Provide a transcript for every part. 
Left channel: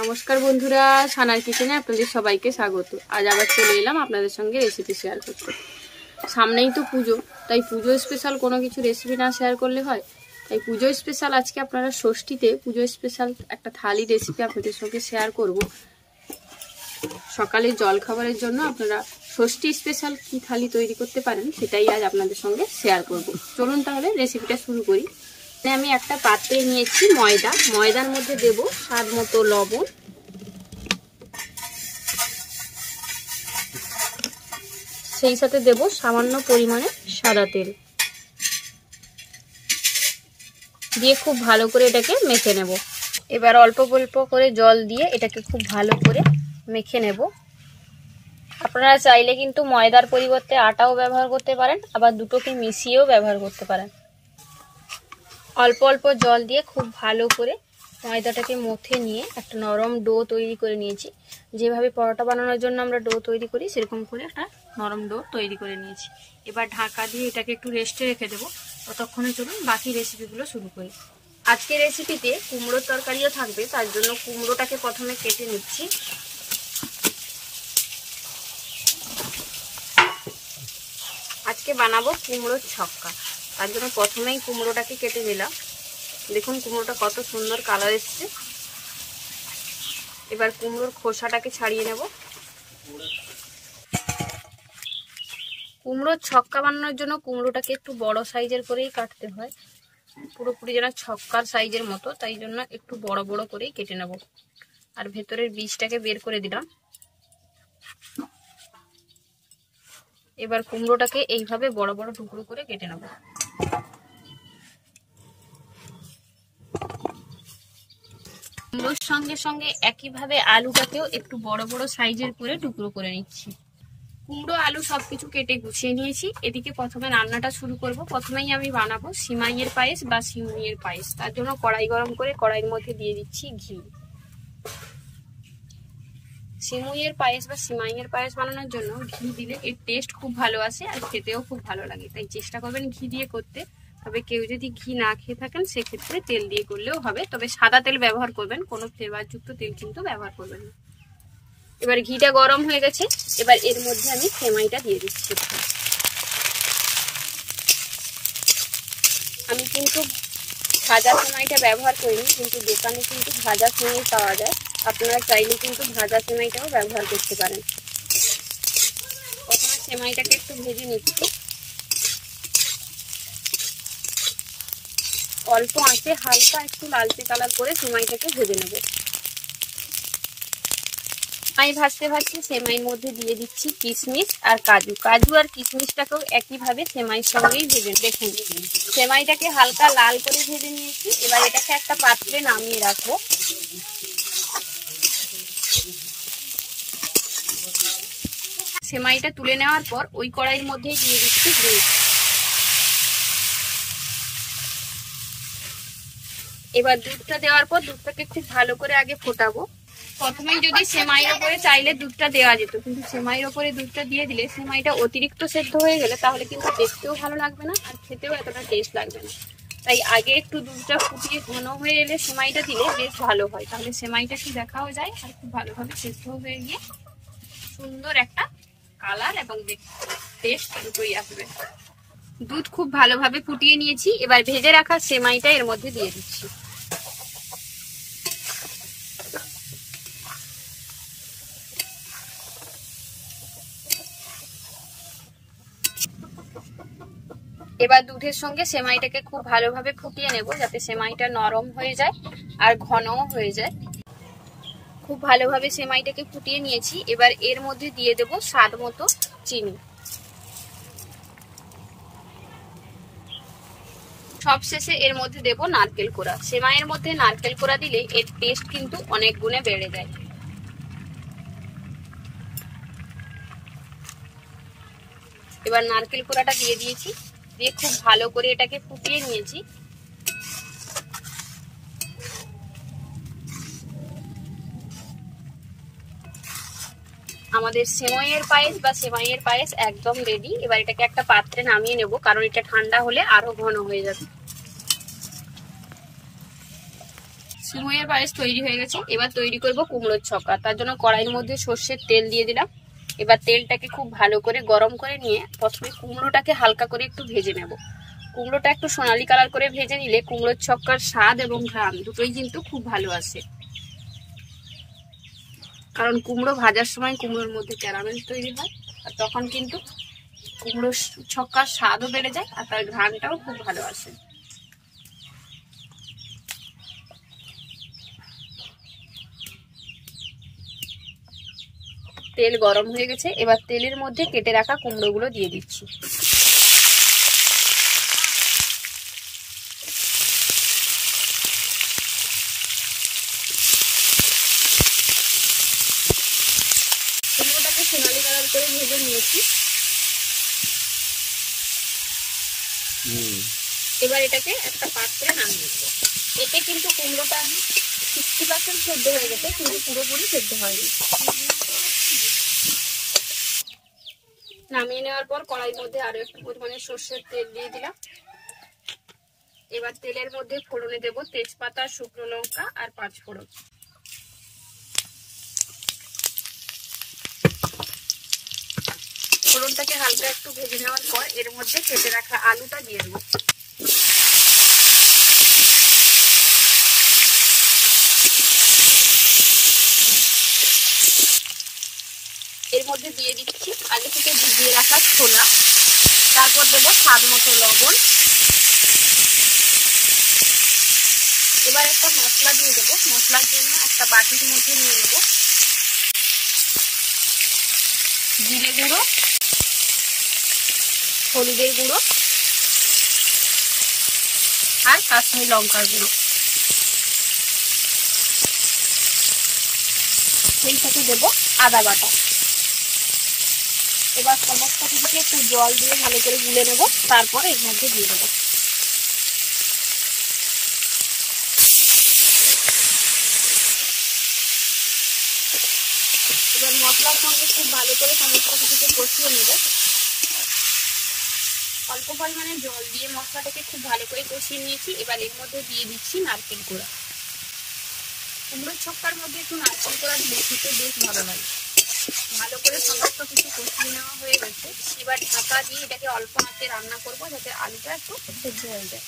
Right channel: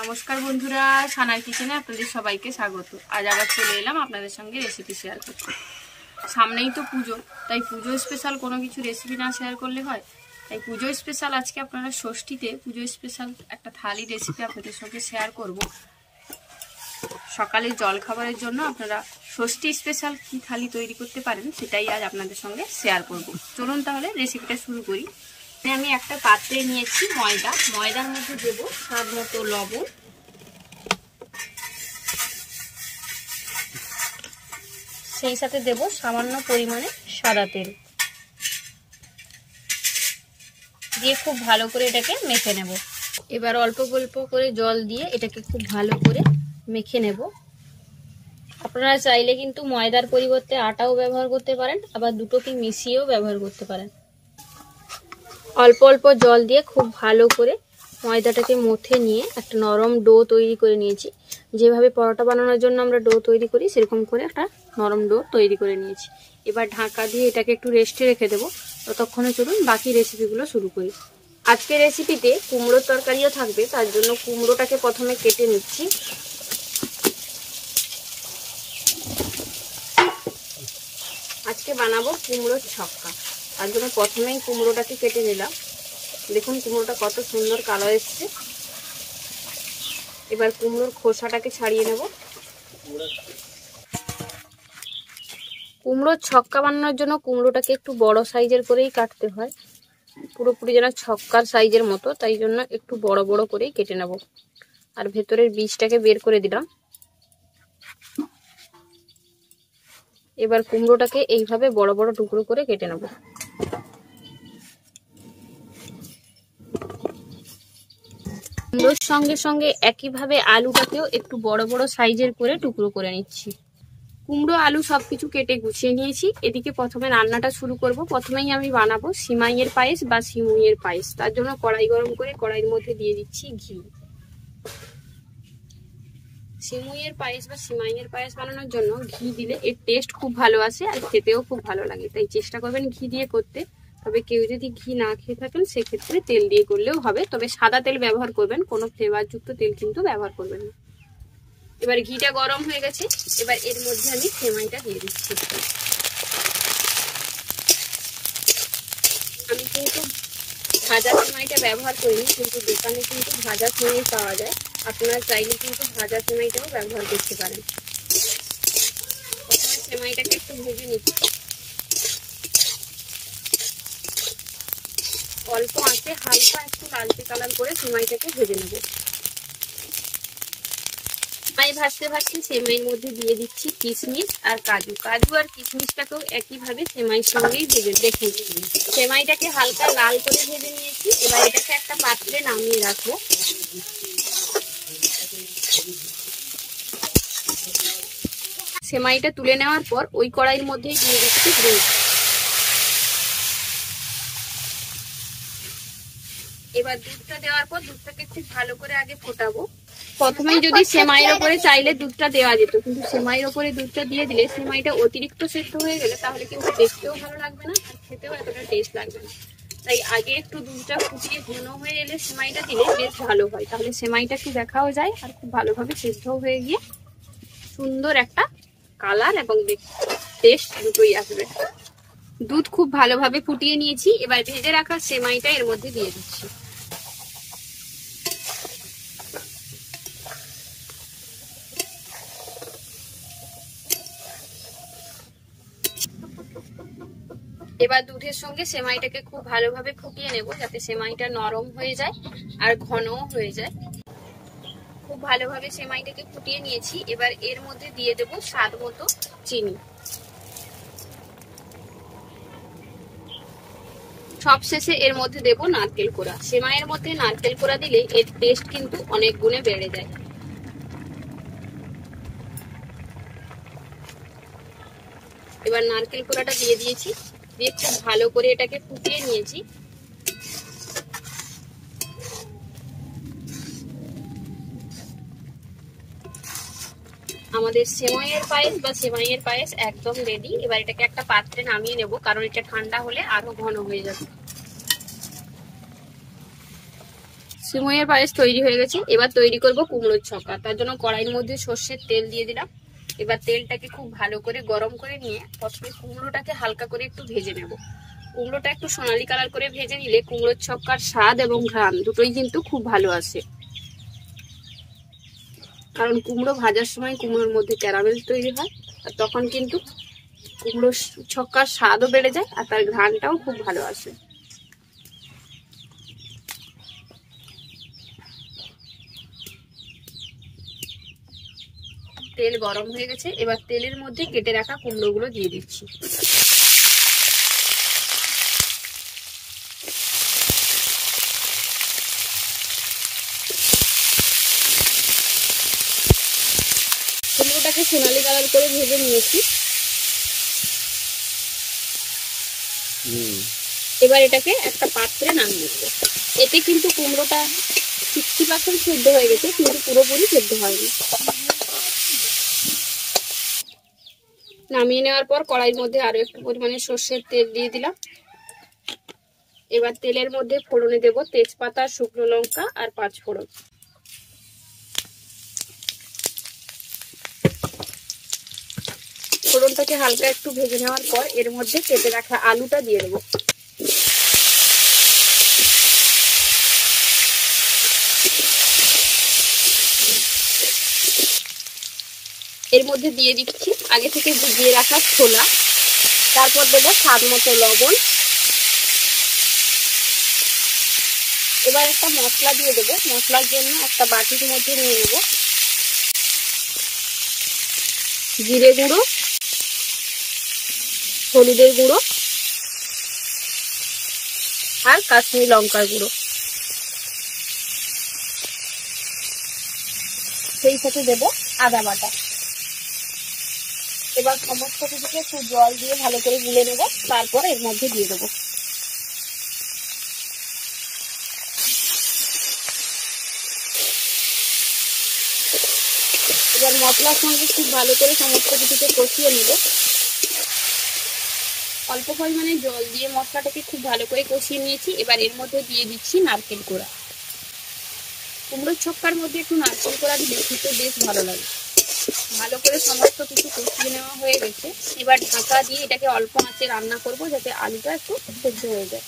নমস্কার বন্ধুরা, সানার কিচেনে আপনাদের সবাইকে স্বাগত। আজ আবার চলে এলাম আপনাদের সঙ্গে রেসিপি শেয়ার করতে। সামনেই তো পুজো, তাই পুজো স্পেশাল কোনো কিছু রেসিপি না শেয়ার করলে হয়। তাই পুজো স্পেশাল আজকে আপনারা ষষ্ঠীতে পুজো স্পেশাল একটা থালি রেসিপি আপনাদের সঙ্গে শেয়ার করব। সকালে জল খাবারের জন্য আপনারা ষষ্ঠী স্পেশাল কি থালি তৈরি করতে পারেন সেটাই আজ আপনাদের সঙ্গে শেয়ার করব। চলুন তাহলে রেসিপিটা শুরু করি। আমি একটা পাত্রে নিয়েছি ময়দার মধ্যে দেব স্বাদ মতো লবণ, সেই সাথে দেব সামান্য পরিমাণে সাদা তেল দিয়ে খুব ভালো করে এটাকে মেখে নেব। এবার অল্প অল্প করে জল দিয়ে এটাকে খুব ভালো করে মেখে নেব। আপনারা চাইলে কিন্তু ময়দার পরিবর্তে আটাও ব্যবহার করতে পারেন, আবার দুটোকে মিশিয়েও ব্যবহার করতে পারেন। অল্প অল্প জল দিয়ে খুব ভালো করে ময়দাটাকে মথে নিয়ে একটা নরম ডো তৈরি করে নিয়েছি। যেভাবে পরোটা বানানোর জন্য আমরা ডো তৈরি করি সেরকম করে একটা নরম ডো তৈরি করে নিয়েছি। এবার ঢাকা দিয়ে এটাকে একটু রেস্টে রেখে দেবো। ততক্ষণে চলুন বাকি রেসিপিগুলো শুরু করি। আজকের রেসিপিতে কুমড়োর তরকারিও থাকবে, তার জন্য কুমড়োটাকে প্রথমে কেটে নিচ্ছি। আজকে বানাবো কুমড়োর ছক্কা, তার জন্য প্রথমেই কুমড়োটাকে কেটে নিলাম। দেখুন কুমড়োটা কত সুন্দর কালার এসছে। এবার কুমড়োর খোসাটাকে ছাড়িয়ে নেব। কুমড়োর ছক্কা বানানোর জন্য কুমড়োটাকে একটু বড় সাইজের করেই কাটতে হয়, পুরোপুরি যেন ছক্কার সাইজের মতো, তাই জন্য একটু বড় বড় করেই কেটে নেব। আর ভেতরের বীজটাকে বের করে দিলাম। এবার কুমড়োটাকে এইভাবে বড় বড় টুকরো করে কেটে নেব। কুমড়োর সঙ্গে সঙ্গে একইভাবে আলুটাকেও একটু বড় বড় সাইজের করে টুকরো করে নিচ্ছি। কুমড়ো আলু সবকিছু কেটে গুছিয়ে নিয়েছি। এদিকে প্রথমে রান্নাটা শুরু করব। প্রথমেই আমি বানাবো সিমাইয়ের পায়েস বা সিমুইয়ের পায়েস। তার জন্য কড়াই গরম করে কড়াইয়ের মধ্যে দিয়ে দিচ্ছি ঘি। সিমুইয়ের পায়েস বা সিমাইয়ের পায়েস বানানোর জন্য ঘি দিলে এর টেস্ট খুব ভালো আসে আর খেতেও খুব ভালো লাগে, তাই চেষ্টা করবেন ঘি দিয়ে করতে। তবে কেউ যদি ঘি না খেয়ে থাকেন সেক্ষেত্রে তেল দিয়ে করলেও হবে, তবে সাদা তেল ব্যবহার করবেন, কোনো ফ্লেভারযুক্ত তেল কিন্তু ব্যবহার করবেন না। এবার ঘিটা গরম হয়ে গেছে, এবার এর মধ্যে আমি সেমাইটা দিয়ে দিচ্ছি। আমি কিন্তু ভাজা সেমাইটা ব্যবহার করিনি, কিন্তু দোকানে কিন্তু ভাজা সেমাই পাওয়া যায়। আপনারা চাইলে কিন্তু ভাজা সেমাইটাও ব্যবহার করতে পারেন। প্রথমে সেমাইটাকে একটু ভেজে নিচ্ছি। অল্প আঁচে হালকা একটু লালচে কালার করে সেমাইটাকে ভেজে নেব। সেমাই ভাজতে ভাজতে সেমাইয়ের মধ্যে দিয়ে দিচ্ছি কিশমিশ আর কাজু। কাজু আর কিশমিশটাকেও একইভাবে সেমাইয়ের সঙ্গেই ভেজে দেখুন। সেমাইটাকে হালকা লাল করে ভেজে নিয়েছি। এবার এটাকে একটা পাত্রে নামিয়ে রাখবো। সেমাইটা তুলে নেওয়ার পর ওই কড়াইয়ের মধ্যেই দিয়ে দিচ্ছি দুধ। এবার দুধটা দেওয়ার পর দুধটাকে খুব ভালো করে আগে ফোটাবো। প্রথমেই যদি সেমাইয়ের ওপরে চাইলে দুধটা দেওয়া যেত, কিন্তু সেমাইয়ের ওপরে দুধটা দিয়ে দিলে সেমাইটা অতিরিক্ত সেদ্ধ হয়ে গেলে তাহলে কিন্তু দেখতেও ভালো লাগবে না আর খেতেও এতটা টেস্ট লাগবে না। তাই আগে একটু দুধটা ফুটিয়ে ঘন হয়ে এলে সেমাইটা দিলে বেশ ভালো হয়, তাহলে সেমাইটা একটু দেখাও যায় আর খুব ভালোভাবে সেদ্ধও হয়ে গিয়ে সুন্দর একটা কালার এবং টেস্ট দুটোই আসবে। দুধ খুব ভালোভাবে ফুটিয়ে নিয়েছি। এবার ভেজে রাখা সেমাইটা এর মধ্যে দিয়ে দিচ্ছি। এবার দুধের সঙ্গে সেমাইটাকে খুব ভালোভাবে ফুটিয়ে নেব, যাতে সেমাইটা নরম হয়ে যায় আর ঘনও হয়ে যায়। খুব ভালোভাবে সেমাইটাকে ফুটিয়ে নিয়েছি। এবার এর মধ্যে দিয়ে দেব স্বাদ মতো চিনি। সবশেষে এর মধ্যে দেব নারকেল কোড়া। সেমাইয়ের মধ্যে নারকেল কোড়া দিলে এর টেস্ট কিন্তু অনেক গুণে বেড়ে যায়। এবার নারকেল কোড়াটা দিয়ে দিয়েছি, দিয়ে খুব ভালো করে এটাকে ফুটিয়ে নিয়েছি। আমাদের সেমাইয়ের পায়েস বা সেমাইয়ের পায়েস একদম রেডি। এবার এটাকে একটা পাত্রে নামিয়ে নেব, কারণ এটা ঠান্ডা হলে আরো ঘন হয়ে যাবে। সিমইয়ের পায়েস তৈরি হয়ে গেছে। এবার তৈরি করব কুমড়োর ছক্কা। তার জন্য কড়াইয়ের মধ্যে সর্ষের তেল দিয়ে দিলাম। এবার তেলটাকে খুব ভালো করে গরম করে নিয়ে প্রথমে কুমড়োটাকে হালকা করে একটু ভেজে নেব। কুমড়োটা একটু সোনালি কালার করে ভেজে নিলে কুমড়োর ছক্কার স্বাদ এবং ঘ্রাণ দুটোই কিন্তু খুব ভালো আসে। কারণ কুমড়ো ভাজার সময় কুমড়োর মধ্যে ক্যারামেল তৈরি হয়, আর তখন কিন্তু কুমড়োর ছক্কার স্বাদও বেড়ে যায় আর তার ঘ্রাণটাও খুব ভালো আসে। তেল গরম হয়ে গেছে, এবার তেলের মধ্যে কেটে রাখা কুমড়োগুলো দিয়ে দিচ্ছি। কুমড়োটাকে সোনালি কালার করে ভেজে নিয়েছি। এবার এটাকে একটা পাত্রে নামিয়ে দেবো। এতে কিন্তু কুমড়োটা 60% সিদ্ধ হয়ে গেছে, কিন্তু পুরোপুরি সিদ্ধ হয়নি। নামিয়ে নেওয়ার পর কড়াইয়ের মধ্যে আরো একটু পরিমাণে সর্ষের তেল দিয়ে দিলাম। এবার তেলের মধ্যে ফোড়নে দেব তেজপাতা, শুকনো লঙ্কা আর 5 ফোড়ন। ফোড়নটাকে হালকা একটু ভেজে নেওয়ার পর এর মধ্যে কেটে রাখা আলুটা দিয়ে দেবো। এর মধ্যে দিয়ে দিচ্ছি আগে থেকে ভিজিয়ে রাখা ছোলা, তারপর দেবো স্বাদ মতো লবণ। এবার একটা মশলা দিয়ে দেবো। মশলার জন্য একটা বাটির মধ্যে নিয়ে নেব জিরে গুঁড়ো, হলুদের গুঁড়ো আর কাশ্মীরি লঙ্কার গুঁড়ো, সেই সাথে দেবো আদা বাটা। এবার সমস্ত কিছুকে একটু জল দিয়ে ভালো করে গুলে নেব, তারপর এর মধ্যে দিয়ে দেবো। এবার মশলার সঙ্গে খুব ভালো করে সমস্ত কিছুকে কষিয়ে নেব। অল্প পরিমাণে জল দিয়ে মশলাটাকে খুব ভালো করে কষিয়ে নিয়েছি। এবার এর মধ্যে দিয়ে দিচ্ছি নারকেল কোড়া। কুমড়োর ছক্কার মধ্যে একটু নারকেল কোড়া দিলে খেতে বেশ ভালো লাগে। ভালো করে সমস্ত কিছু কষিয়ে নেওয়া হয়ে গেছে। এবার ঢাকা দিয়ে এটাকে অল্প আঁচে রান্না করব, যাতে আলুটা একটু সেদ্ধ হয়ে যায়।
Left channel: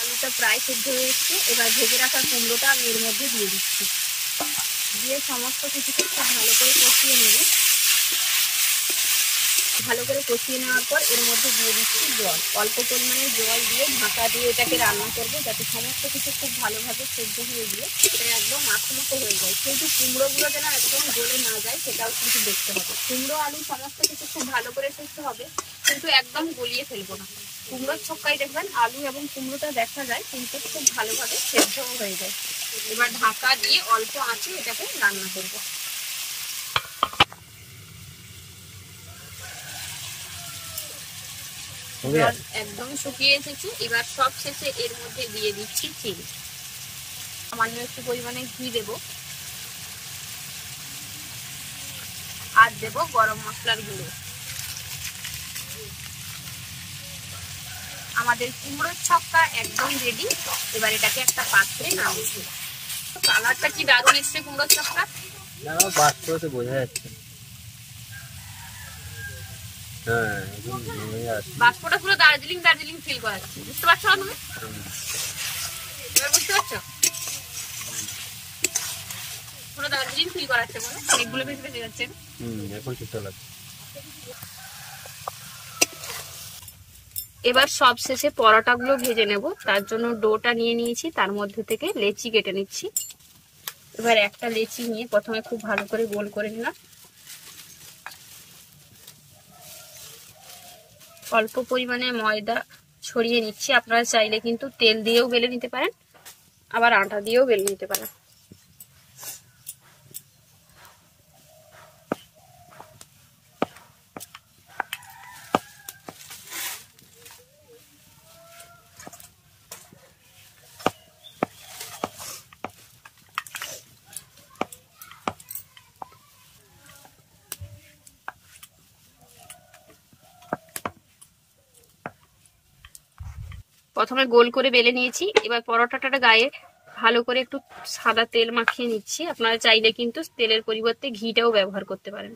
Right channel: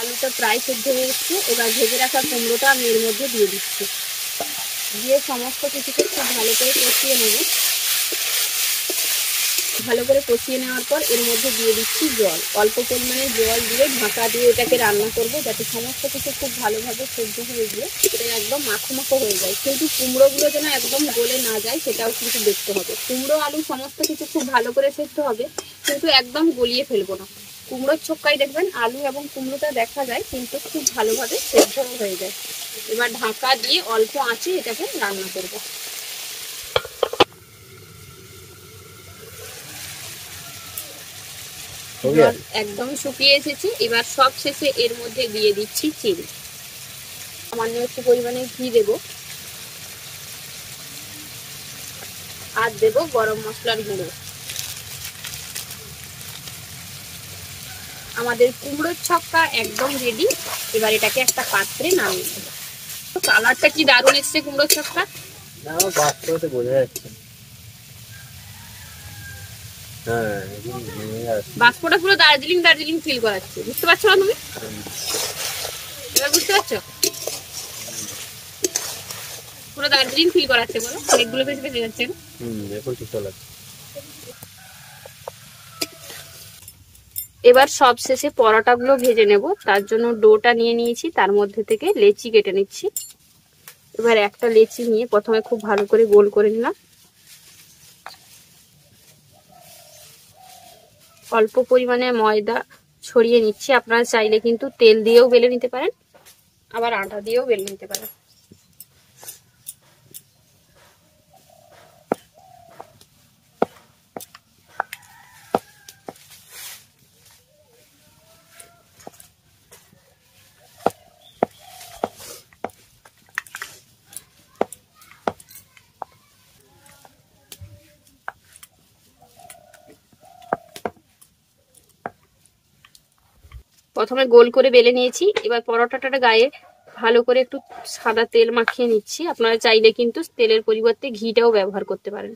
আলুটা প্রায় সেদ্ধ হয়ে গেছে। এবার ভেজে রাখা কুমড়োটা আমি এর মধ্যে দিয়ে দিচ্ছি। দিয়ে সমস্ত কিছুকে খুব ভালো করে কষিয়ে নেব। ভালো করে কষিয়ে নেওয়ার পর এর মধ্যে দিয়ে দিচ্ছি জল। অল্প পরিমাণে জল দিয়ে ঢাকা দিয়ে এটাকে রান্না করবো, যাতে সমস্ত কিছু খুব ভালোভাবে সেদ্ধ হয়ে গিয়ে এটা একদম মাখো মাখো হয়ে যায়। কিন্তু কুমড়োগুলো যেন একদম গলে না যায় সেটাও কিন্তু দেখতে হবে। কুমড়ো আলু সমস্ত কিছু খুব ভালো করে সেদ্ধ হবে, কিন্তু একদম গলিয়ে ফেলবো না। কুমড়োর ছক্কায় দেখবেন আলু এবং কুমড়োটা দেখা যায়, কিন্তু খুব ভালোভাবে সেদ্ধ হয়ে যায়। এবার ঢাকা দিয়ে অল্প আঁচে এটাকে রান্না করবো। একদম শুকিয়ে এসেছে। এবার সব শেষে এর মধ্যে দিয়ে দিচ্ছি চিনি। সামান্য একটু পরিমাণে ঘি দেব আর দেব গরম মশলার গুঁড়ো। আমাদের কুমড়োর ছক্কা একদম রেডি। এবার এটাকে একটা পাত্রে নামিয়ে দেব। কালারটা কি দারুণ এসছে কুমড়োর ছক্কা। না বাস্তবে তো বোঝা যাচ্ছে। হ্যাঁ, বাষ্পটা পুরো দার্জিলিং দার্জিলিং ফিল করাচ্ছে, বুঝতে পারছো না তুমি? এবার বুঝতে পারছো? পুরো দার্জিলিং ফিল করাচ্ছে। বলো এগুলো বেশি বেশি যাচ্ছে। এখন ঠিক লাগছে। এবার সব শেষে পরোটাগুলো ভেজে নেব। তার জন্য ডোটা নিয়ে নিয়েছি, তার মধ্যে থেকে লেচি কেটে নিচ্ছি। এবার একটা লেচি নিয়ে প্রথমে খুব ভালো করে গোল করে নিলাম। অল্প পরিমাণে ময়দা ছড়িয়ে নিচ্ছি। আপনারা চাইলে কিন্তু তেল দিয়েও বেলে নিতে পারেন, আবার আটা দিয়েও বেলে নিতে পারেন। প্রথমে গোল করে বেলে নিয়েছি। এবার পরোটাটার গায়ে ভালো করে একটু সাদা তেল মাখিয়ে নিচ্ছি। আপনারা চাইলে কিন্তু তেলের পরিবর্তে ঘিটাও ব্যবহার করতে পারেন।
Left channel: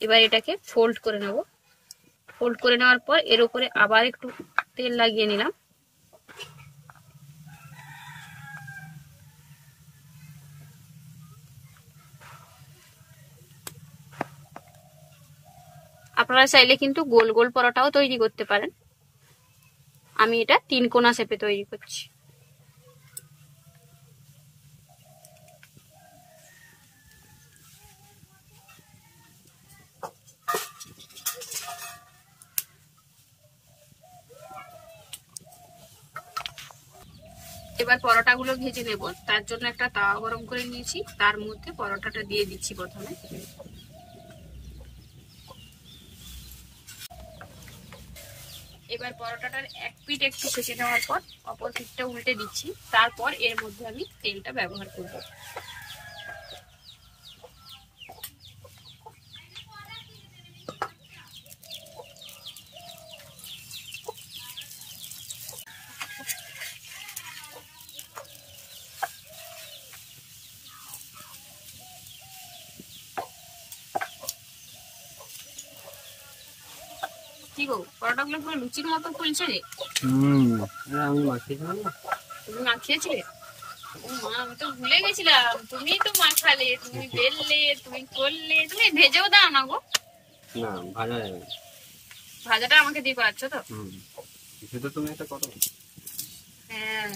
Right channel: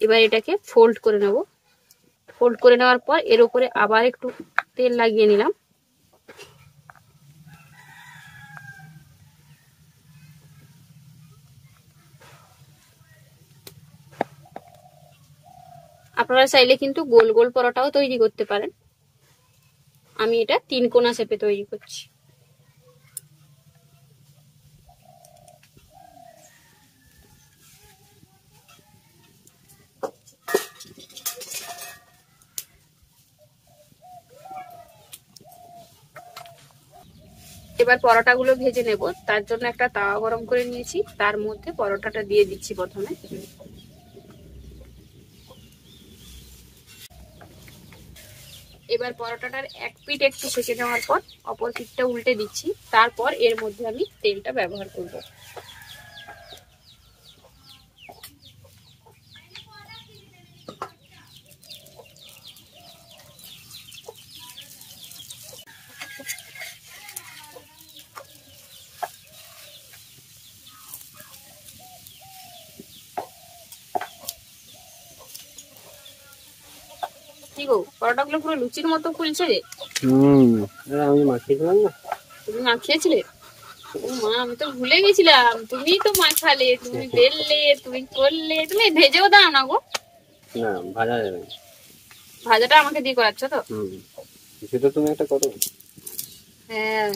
এবার এটাকে ফোল্ড করে নেব। ফোল্ড করে নেওয়ার পর এর উপরে আবার একটু তেল লাগিয়ে নিলাম। আপনারা চাইলে কিন্তু গোল গোল পরোটাও তৈরি করতে পারেন। আমি এটা 3 কোনা শেপে তৈরি করছি। এবার পরোটাগুলো ভেজে নেব। তার জন্য একটা তাওয়া গরম করে নিয়েছি, তার মধ্যে পরোটাটা দিয়ে দিচ্ছি প্রথমে। এবার পরোটাটার এক পিঠ একটু সেঁকে নেওয়ার পর অপর পিঠটা উল্টে দিচ্ছি। তারপর এর মধ্যে আমি তেলটা ব্যবহার করব। কি গো, পরোটাগুলো পুরো লুচির মতো ফুলছে রে। আমি মাখিয়েছিলাম না। তুমি মাখিয়েছিলে? ও মা, আমি তো ভুলে গেছিলাম। তুমি তো মাখালে, তুমি বেললে, তুমি করলে, তুমি ভেজেও দাও না গো। না, ভাজা যাবে। ভাজাটা আমাকে দিয়ে করাচ্ছ তো? সেটা তুমি একটা করো। হ্যাঁ,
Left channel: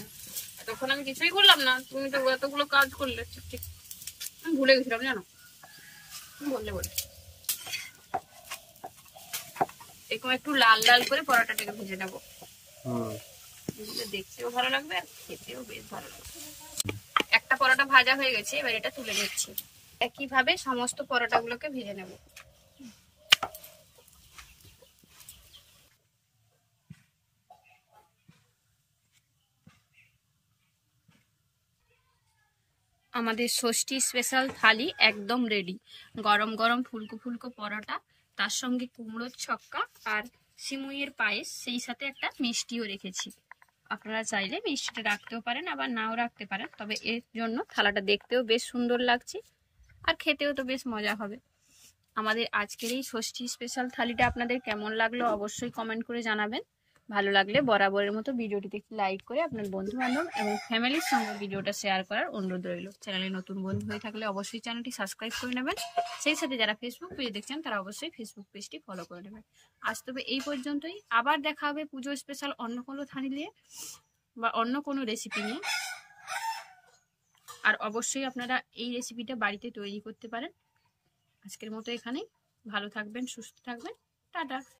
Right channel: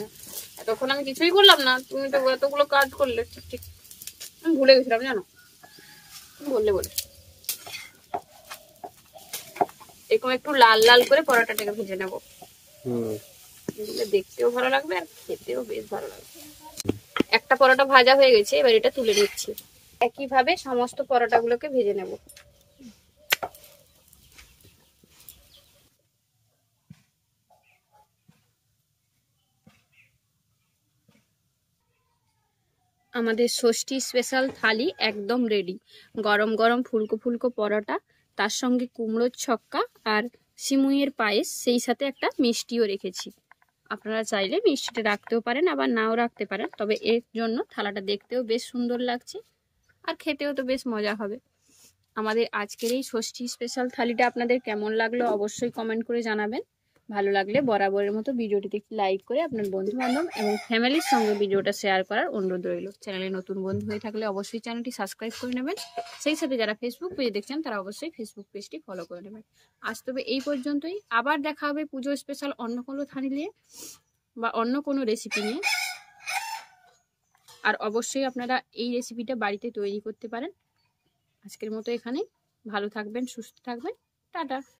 তখন আমি কিছুই করলাম না, তুমি তো এতগুলো কাজ করলে। ঠিক, আমি ভুলে গেছিলাম জানো, তুমি বললে বলে। এরকম একটু লাল লাল করে পরোটাটাকে ভেজে নেবো। দেখতেও ভালো লাগবে আর খেতেও বেশ ভালো লাগবে। একটা পরোটা ভাজা হয়ে গেছে, এবার এটা তুলে নিচ্ছি। একইভাবে সমস্ত পরোটাগুলোকে ভেজে নেব। আমাদের ষষ্ঠী স্পেশাল থালি একদম রেডি। গরম গরম ফুলকো ফুলকো পরোটা, তার সঙ্গে কুমড়োর ছক্কা আর সিমুইয়ের পায়েস, সেই সাথে একটা মিষ্টিও রেখেছি। আপনারা চাইলে মিষ্টিটা রাখতেও পারেন, আবার নাও রাখতে পারেন। তবে এর জন্য থালাটা দেখতেও বেশ সুন্দর লাগছে আর খেতেও তো বেশ মজা হবে। আমাদের আজকের এই ষষ্ঠী স্পেশাল থালিটা আপনাদের কেমন লাগলো অবশ্যই কমেন্ট করে জানাবেন। ভালো লাগলে বরাবরের মতো ভিডিওটিতে একটি লাইক করে আপনার বন্ধু বান্ধব এবং ফ্যামিলির সঙ্গে ভিডিওটা শেয়ার করার অনুরোধ রইল। চ্যানেলে নতুন বন্ধু হয়ে থাকলে অবশ্যই চ্যানেলটি সাবস্ক্রাইব করে নেবেন। সেই সাথে যারা ফেসবুক পেজে দেখছেন তারা অবশ্যই ফেসবুক পেজটি ফলো করে নেবেন। আজ তবে এই পর্যন্তই। আবার দেখা হবে পুজো স্পেশাল অন্য কোনো থালি নিয়ে বা অন্য কোনো রেসিপি নিয়ে। আর অবশ্যই আপনারা এই রেসিপিটা বাড়িতে তৈরি করতে পারেন। আজকের মতো এখানেই। ভালো থাকবেন, সুস্থ থাকবেন। টাটা।